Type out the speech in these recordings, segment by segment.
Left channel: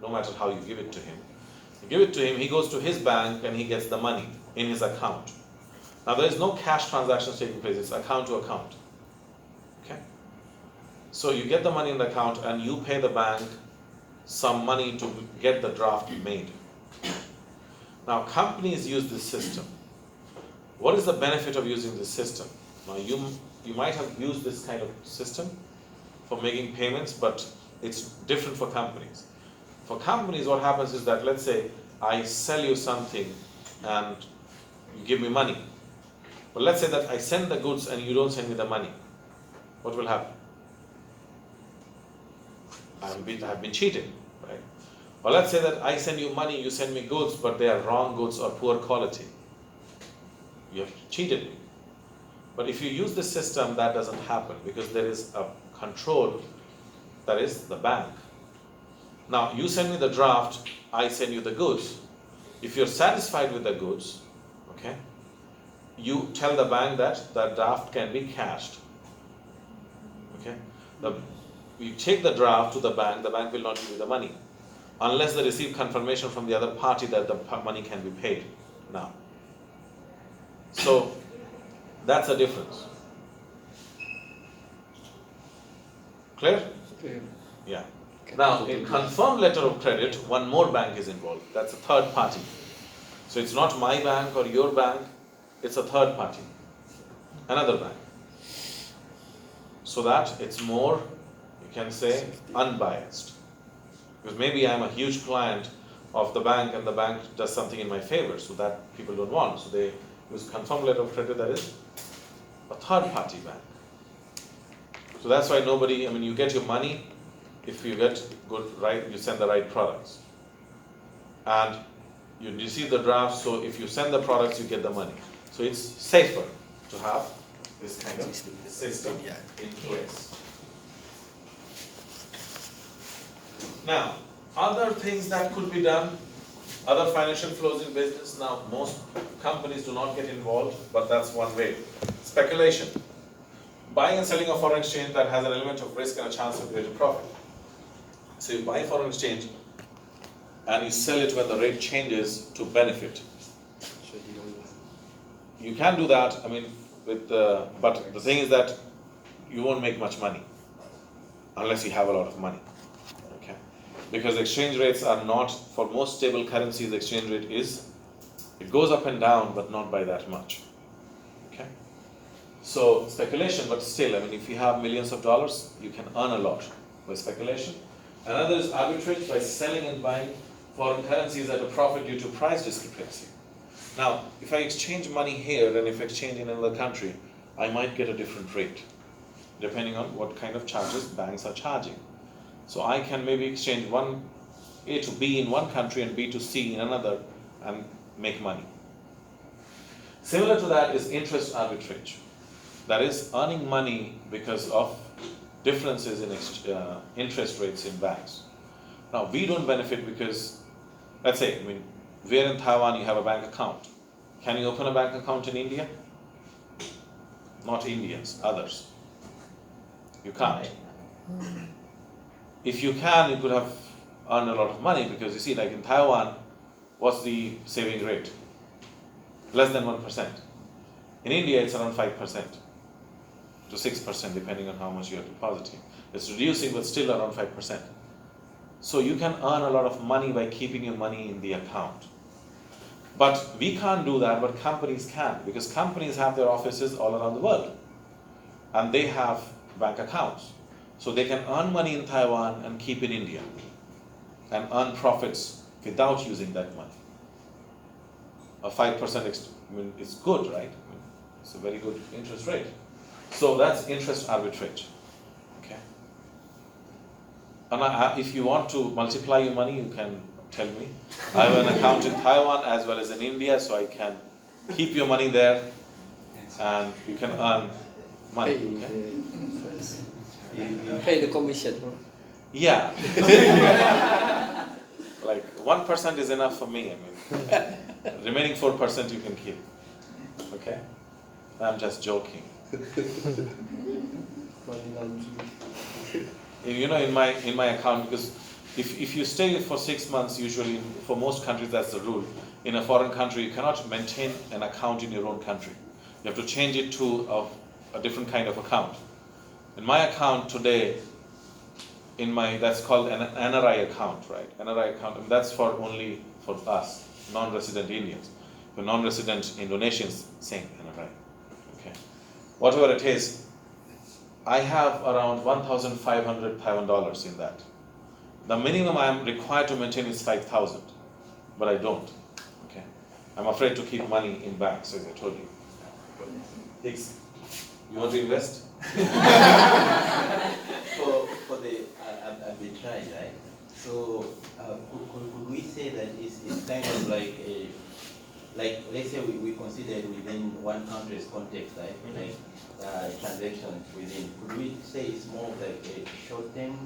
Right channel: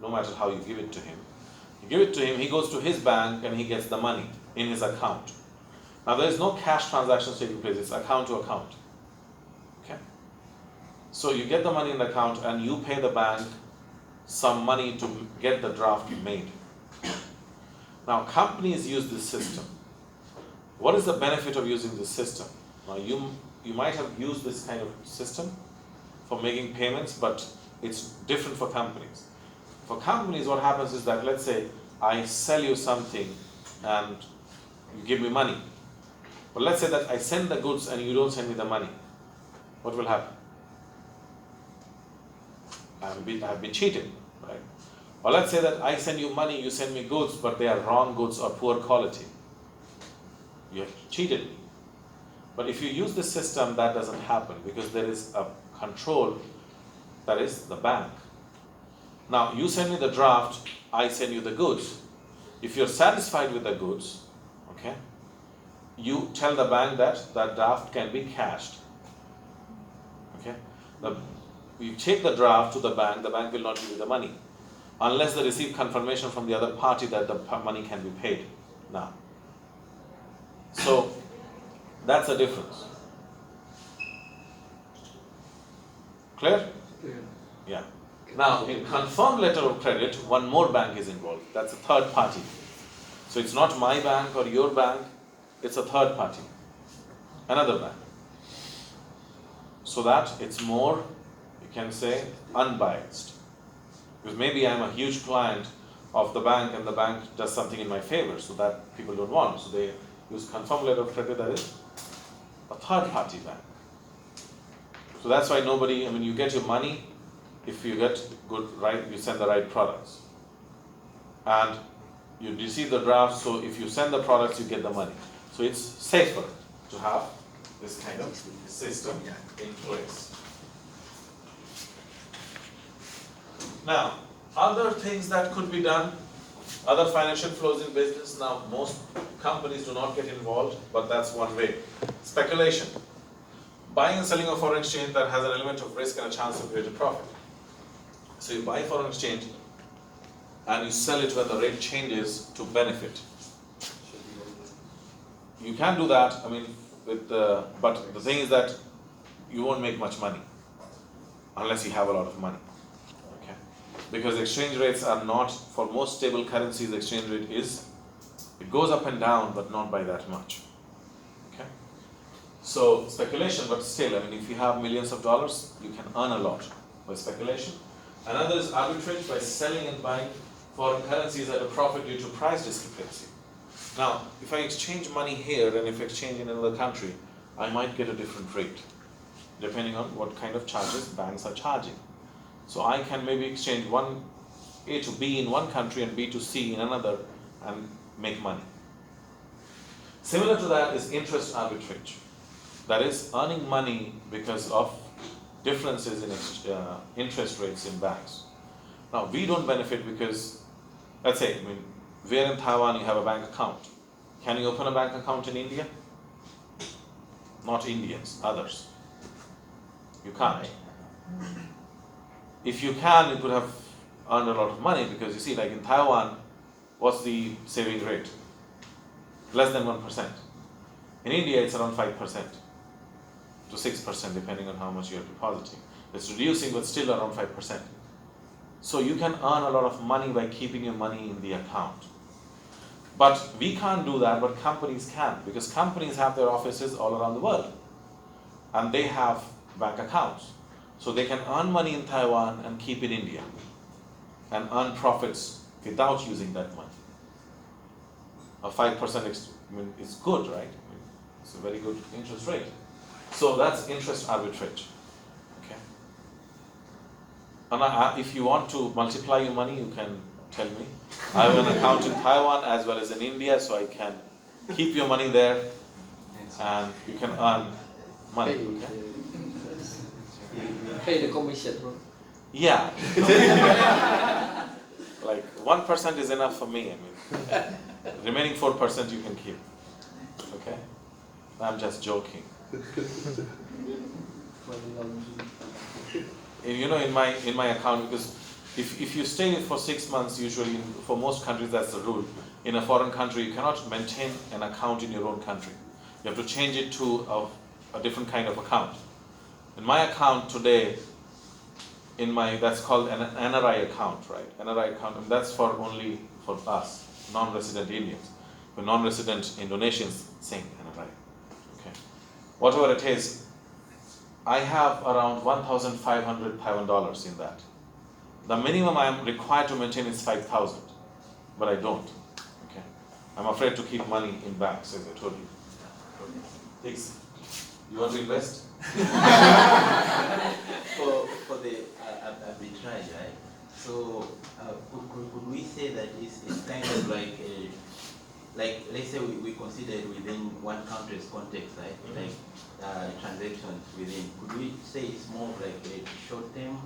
no matter how you give it to him. You give it to him, he goes to his bank and he gets the money in his account. Now there is no cash transactions taking place, it's account to account. Okay? So you get the money in the account and you pay the bank some money to get the draft made. Now companies use this system. What is the benefit of using this system? Now you might have used this kind of system for making payments, but it's different for companies. For companies, what happens is that, let's say I sell you something and you give me money. But let's say that I send the goods and you don't send me the money. What will happen? I have been cheated, right? Or let's say that I send you money, you send me goods, but they are wrong goods or poor quality. You have cheated me. But if you use this system, that doesn't happen because there is a control, that is the bank. Now, you send me the draft, I send you the goods. If you're satisfied with the goods, okay, you tell the bank that the draft can be cashed. Okay? You take the draft to the bank will not give you the money unless they receive confirmation from the other party that the money can be paid now. So, that's the difference. Clear? Clear. Yeah. Now, in confirmed letter of credit, one more bank is involved. That's a third party. So it's not my bank or your bank, it's a third party, another bank. So that it's more, you can say, unbiased. Because maybe I'm a huge client of the bank and the bank does something in my favor, so that people don't want. So they use confirmed letter of credit, that is a third party bank. So that's why you get your money if you get you send the right products. And you receive the draft, so if you send the products, you get the money. So it's safer to have this kind of system in place. Now, other things that could be done, other financial flows in business. Now, most companies do not get involved, but that's one way. Speculation. Buying and selling of foreign exchange that has an element of risk and a chance of greater profit. So you buy foreign exchange and you sell it when the rate changes to benefit. You can do that, but the thing is that you won't make much money unless you have a lot of money. Okay? Because exchange rates are not, for most stable currencies, the exchange rate it goes up and down, but not by that much. Okay? So speculation, but still, if you have millions of dollars, you can earn a lot by speculation. Another is arbitrage, by selling and buying foreign currencies at a profit due to price discrepancy. Now, if I exchange money here and if I exchange in another country, I might get a different rate, depending on what kind of charges banks are charging. So I can maybe exchange A to B in one country and B to C in another and make money. Similar to that is interest arbitrage. That is earning money because of differences in interest rates in banks. Now, we don't benefit because, let's say, we're in Taiwan, you have a bank account. Can you open a bank account in India? Not Indians, others. You can't. If you can, you could have earned a lot of money because you see, like in Taiwan, what's the saving rate? Less than 1%. In India, it's around 5% to 6%, depending on how much you are depositing. It's reducing, but still around 5%. So you can earn a lot of money by keeping your money in the account. But we can't do that, but companies can, because companies have their offices all around the world. And they have bank accounts. So they can earn money in Taiwan and keep in India and earn profits without using that money. A 5% is good, right? It's a very good interest rate. So that's interest arbitrage. Okay. And if you want to multiply your money, you can tell me. I have an account in Taiwan as well as in India, so I can keep your money there and you can earn money. Okay? Pay the commission, bro. Yeah. Like 1% is enough for me. Remaining 4% you can keep. Okay? I'm just joking. In my account, because if you stay for 6 months, usually for most countries that's the rule. In a foreign country, you cannot maintain an account in your own country. You have to change it to a different kind of account. In my account today, that's called an NRI account, right? NRI account, and that's only for us, non-resident Indians. For non-resident Indonesians, same NRI. Okay. Whatever it is, I have around $1,500 in that. The minimum I am required to maintain is 5,000, but I don't. Okay. I'm afraid to keep money in banks, as I told you. Hicks, you want to invest? For the arbitrage, right? So could we say that it's kind of like let's say we consider it within one country's context, right? Like transactions within. Could we say it's more like a short-term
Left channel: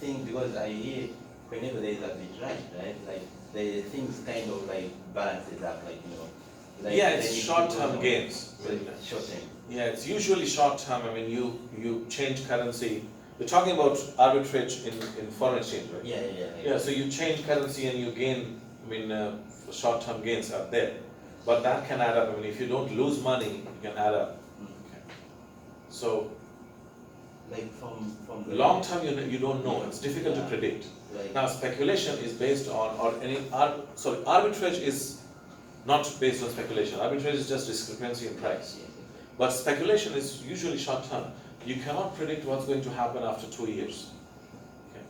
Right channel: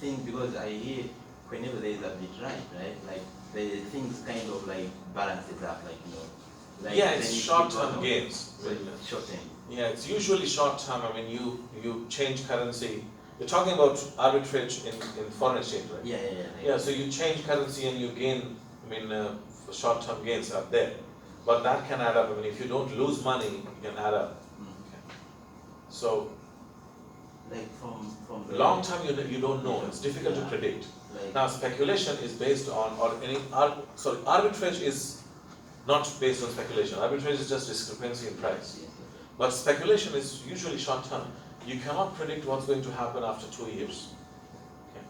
thing? Because I hear whenever there is arbitrage, right? Like the things kind of like balances up, like Like yeah, it's short-term gains. Short-term. Yeah, it's usually short-term. I mean, you change currency. You're talking about arbitrage in foreign exchange, right? Yeah. So you change currency and you gain. I mean, short-term gains are there, but that can add up. I mean, if you don't lose money, it can add up. Okay. So, like from long-term, you don't know. It's difficult to predict. Now, speculation is based on, arbitrage is not based on speculation. Arbitrage is just discrepancy in price. But speculation is usually short-term. You cannot predict what's going to happen after 2 years. Okay.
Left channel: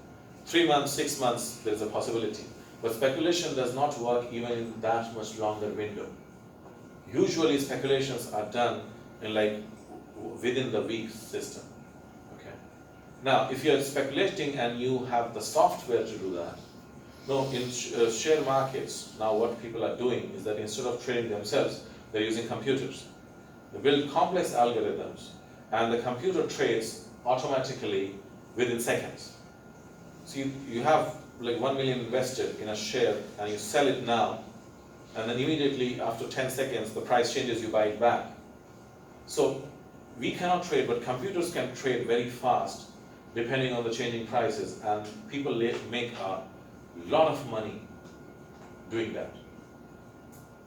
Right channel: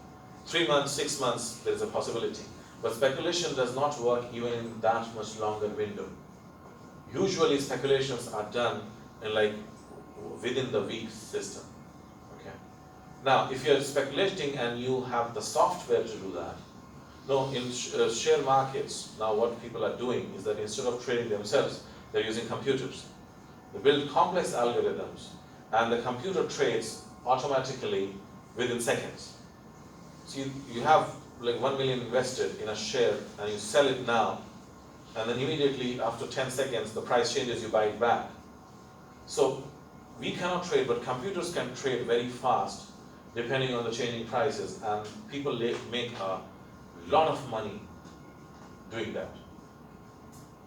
3 months, 6 months, there's a possibility. But speculation does not work even in that much longer window. Usually speculations are done in within the week system. Okay. Now, if you're speculating and you have the software to do that, no, in share markets, now what people are doing is that instead of trading themselves, they're using computers. They build complex algorithms and the computer trades automatically within seconds. So you have like 1 million invested in a share and you sell it now, and then immediately after 10 seconds the price changes, you buy it back. So we cannot trade, but computers can trade very fast depending on the changing prices, and people make a lot of money doing that.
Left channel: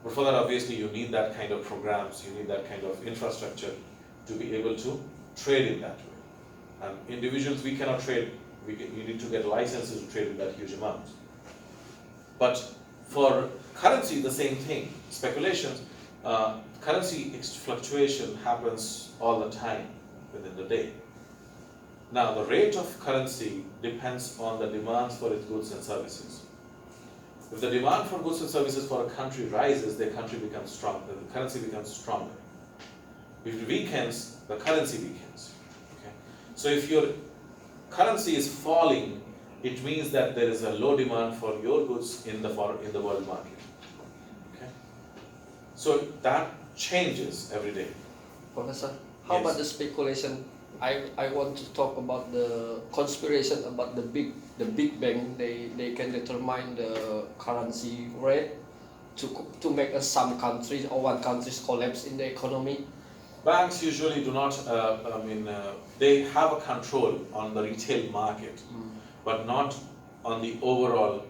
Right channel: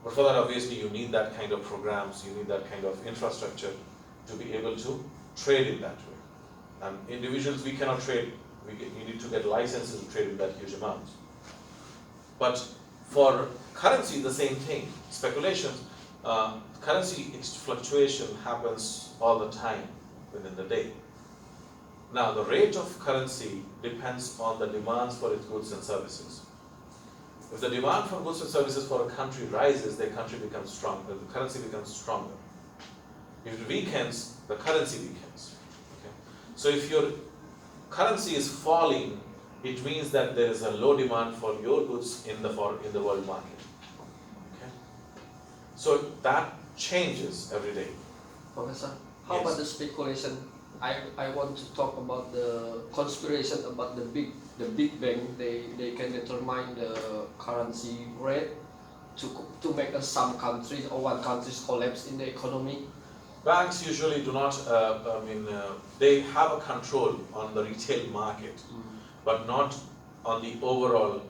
But for that, obviously, you need that kind of programs, you need that kind of infrastructure to be able to trade in that way. And individuals, we cannot trade. You need to get licenses to trade in that huge amount. But for currency, the same thing. Speculations, currency fluctuation happens all the time within the day. Now, the rate of currency depends on the demands for its goods and services. If the demand for goods and services for a country rises, the country becomes strong, the currency becomes stronger. If it weakens, the currency weakens. Okay? So if your currency is falling, it means that there is a low demand for your goods in the world market. Okay? So that changes every day. Professor, how about the speculation? I want to talk about the conspiration about the big bank. They can determine the currency rate to make some countries or one country's collapse in the economy. Banks usually do not. They have a control on the retail market, but not on the overall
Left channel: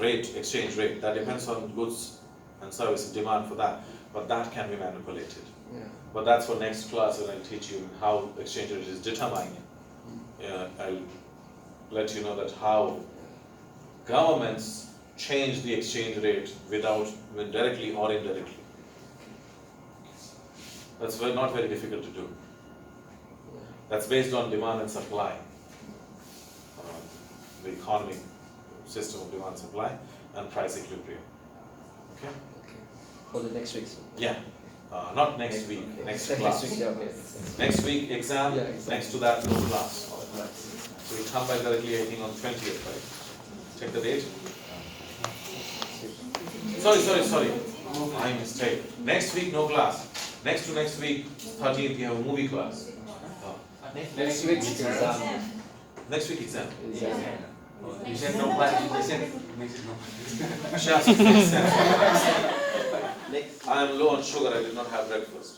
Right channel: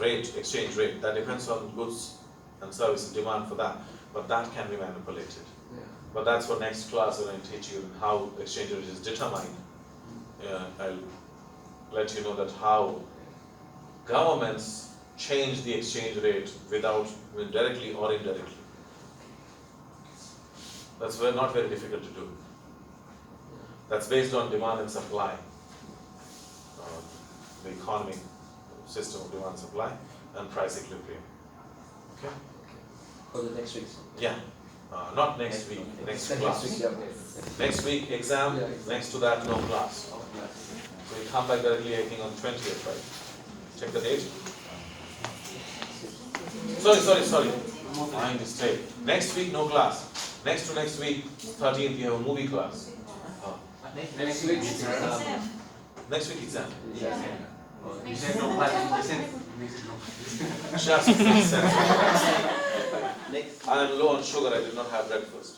rate, exchange rate. That depends on goods and services demand for that, but that can be manipulated. Yeah. But that's for next class when I teach you how exchange rate is determined. I'll let you know that how governments change the exchange rate directly or indirectly. That's not very difficult to do. That's based on demand and supply. The economic system of demand and supply and price equilibrium. Okay? For the next week. Yeah. Not next week, next class. Next week, exam, next to that, no class. So we come back directly, I think, on 20th, right? Check the date. Sorry. My mistake. Next week, no class. Next to next week, 13th, you have a movie class. Next week, exam. Next week, exam. You said no class, you said no. Just makes sense. I am low on sugar, I did not have breakfast.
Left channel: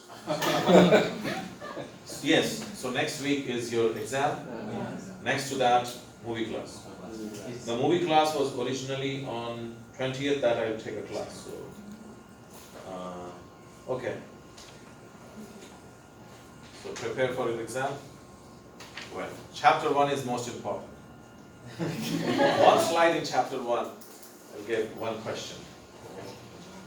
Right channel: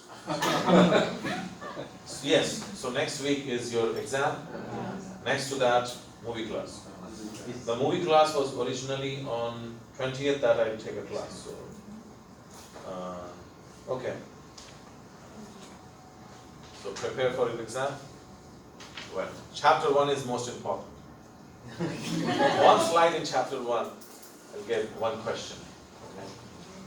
Yes, so next week is your exam. Next to that, movie class. The movie class was originally on 20th that I'll take a class, so, okay. So prepare for your exam. Well, chapter 1 is most important. One slide in chapter 1, I'll give one question. Okay?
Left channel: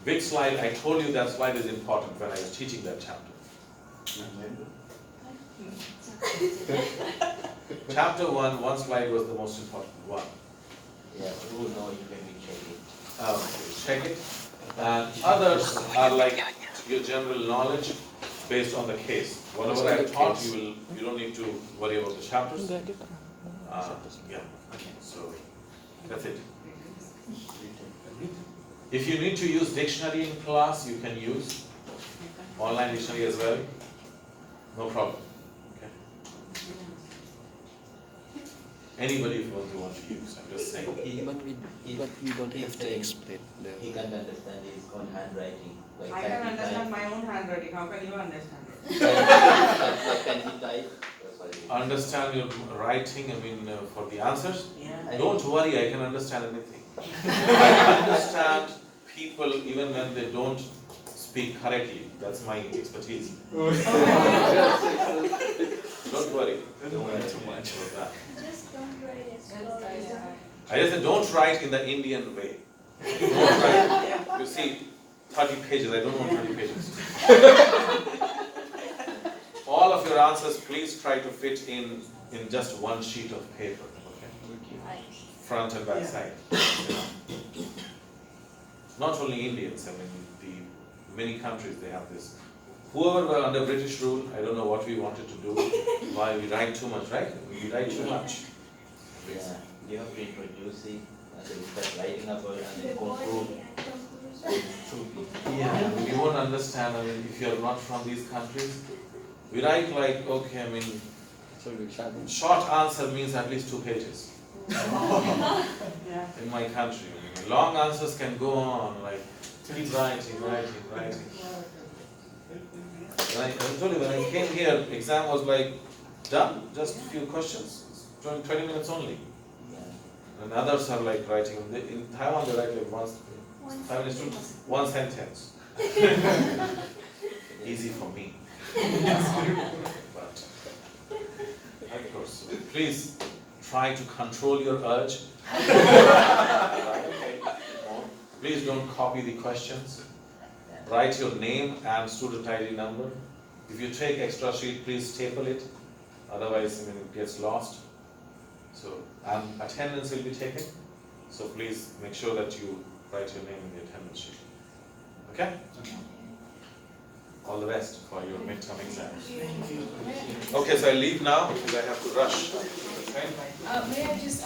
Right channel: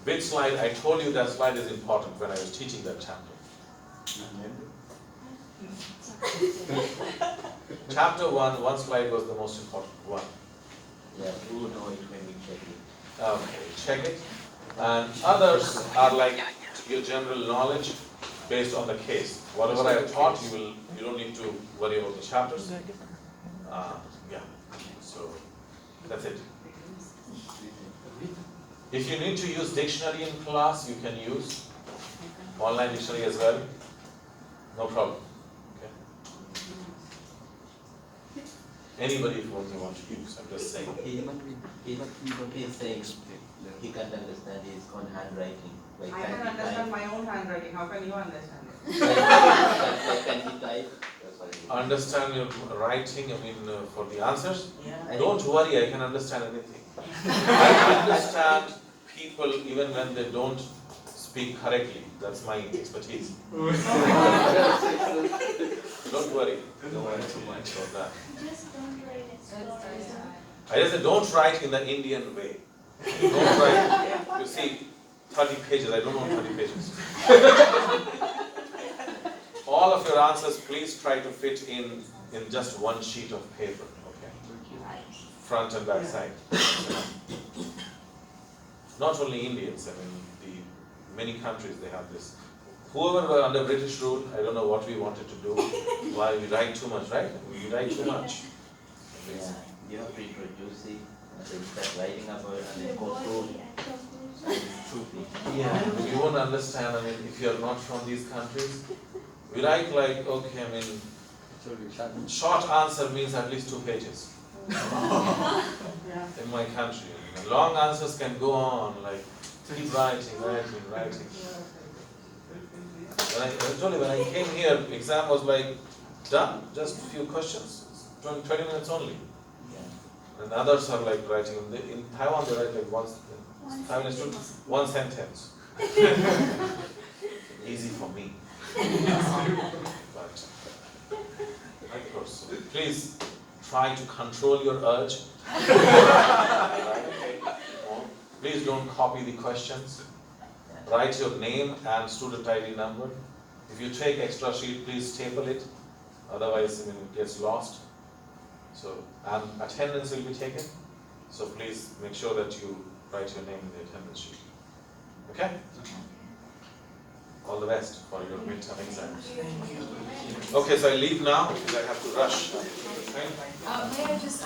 Which slide? I told you that slide is important when I was teaching that chapter. Chapter 1, one slide was the most important one. Yeah, we will know it when we check it. Check it. And others are like your general knowledge based on the case. Whatever I have taught, you don't need to worry about the chapters. Yeah. So that's it. If you need to use dictionary in class, you can use online dictionary as well. No problem. Okay. Anybody who you want to use, I'm just saying. But we don't have to explain He can't understand his own handwriting. Like, I can understand my own handwriting, how can you understand it? Can he type? That's why he- Understand your writing, I mean, for the answers. Yeah. Don't worry, I can understand anything. I understand people even when they don't speak correctly. That's my expertise. Don't worry. Don't worry too much about that. Just don't write it. I just said, don't write in the Indian way. Don't write. You see, 30 pages. I don't want 30 pages. All of your answers, please try to fit in just one sheet of paper. Okay. Front and back side. Not only Indians, I mean, many countries they have this. Whoever were under British rule, I don't know what we wanted to do. Why we write too much, right? We write too much. Yeah, you have to introduce it, and then start writing about it, and then conclude. Stupid. Yeah, you won't understand. I mean, if you are not from these countries, we write like, okay, I mean, short answer means at least 2 pages. In my country, long answers can go on, like, keep writing. When I told you, when I came here, exam was like, done, just a few questions, 20 minutes only. Yeah. And others are like writing, in Taiwan they write like one sentence. Easy for me. But, of course, please try to control your urge. Please don't copy the questions. Write your name and student ID number. If you take extra sheet, please staple it. Otherwise, I mean, it gets lost. So, and attendance will be taken. So please make sure that you write your name in the attendance sheet. Okay? All the best for your midterm exams. Okay, so I leave now because I have to rush. Okay? May I just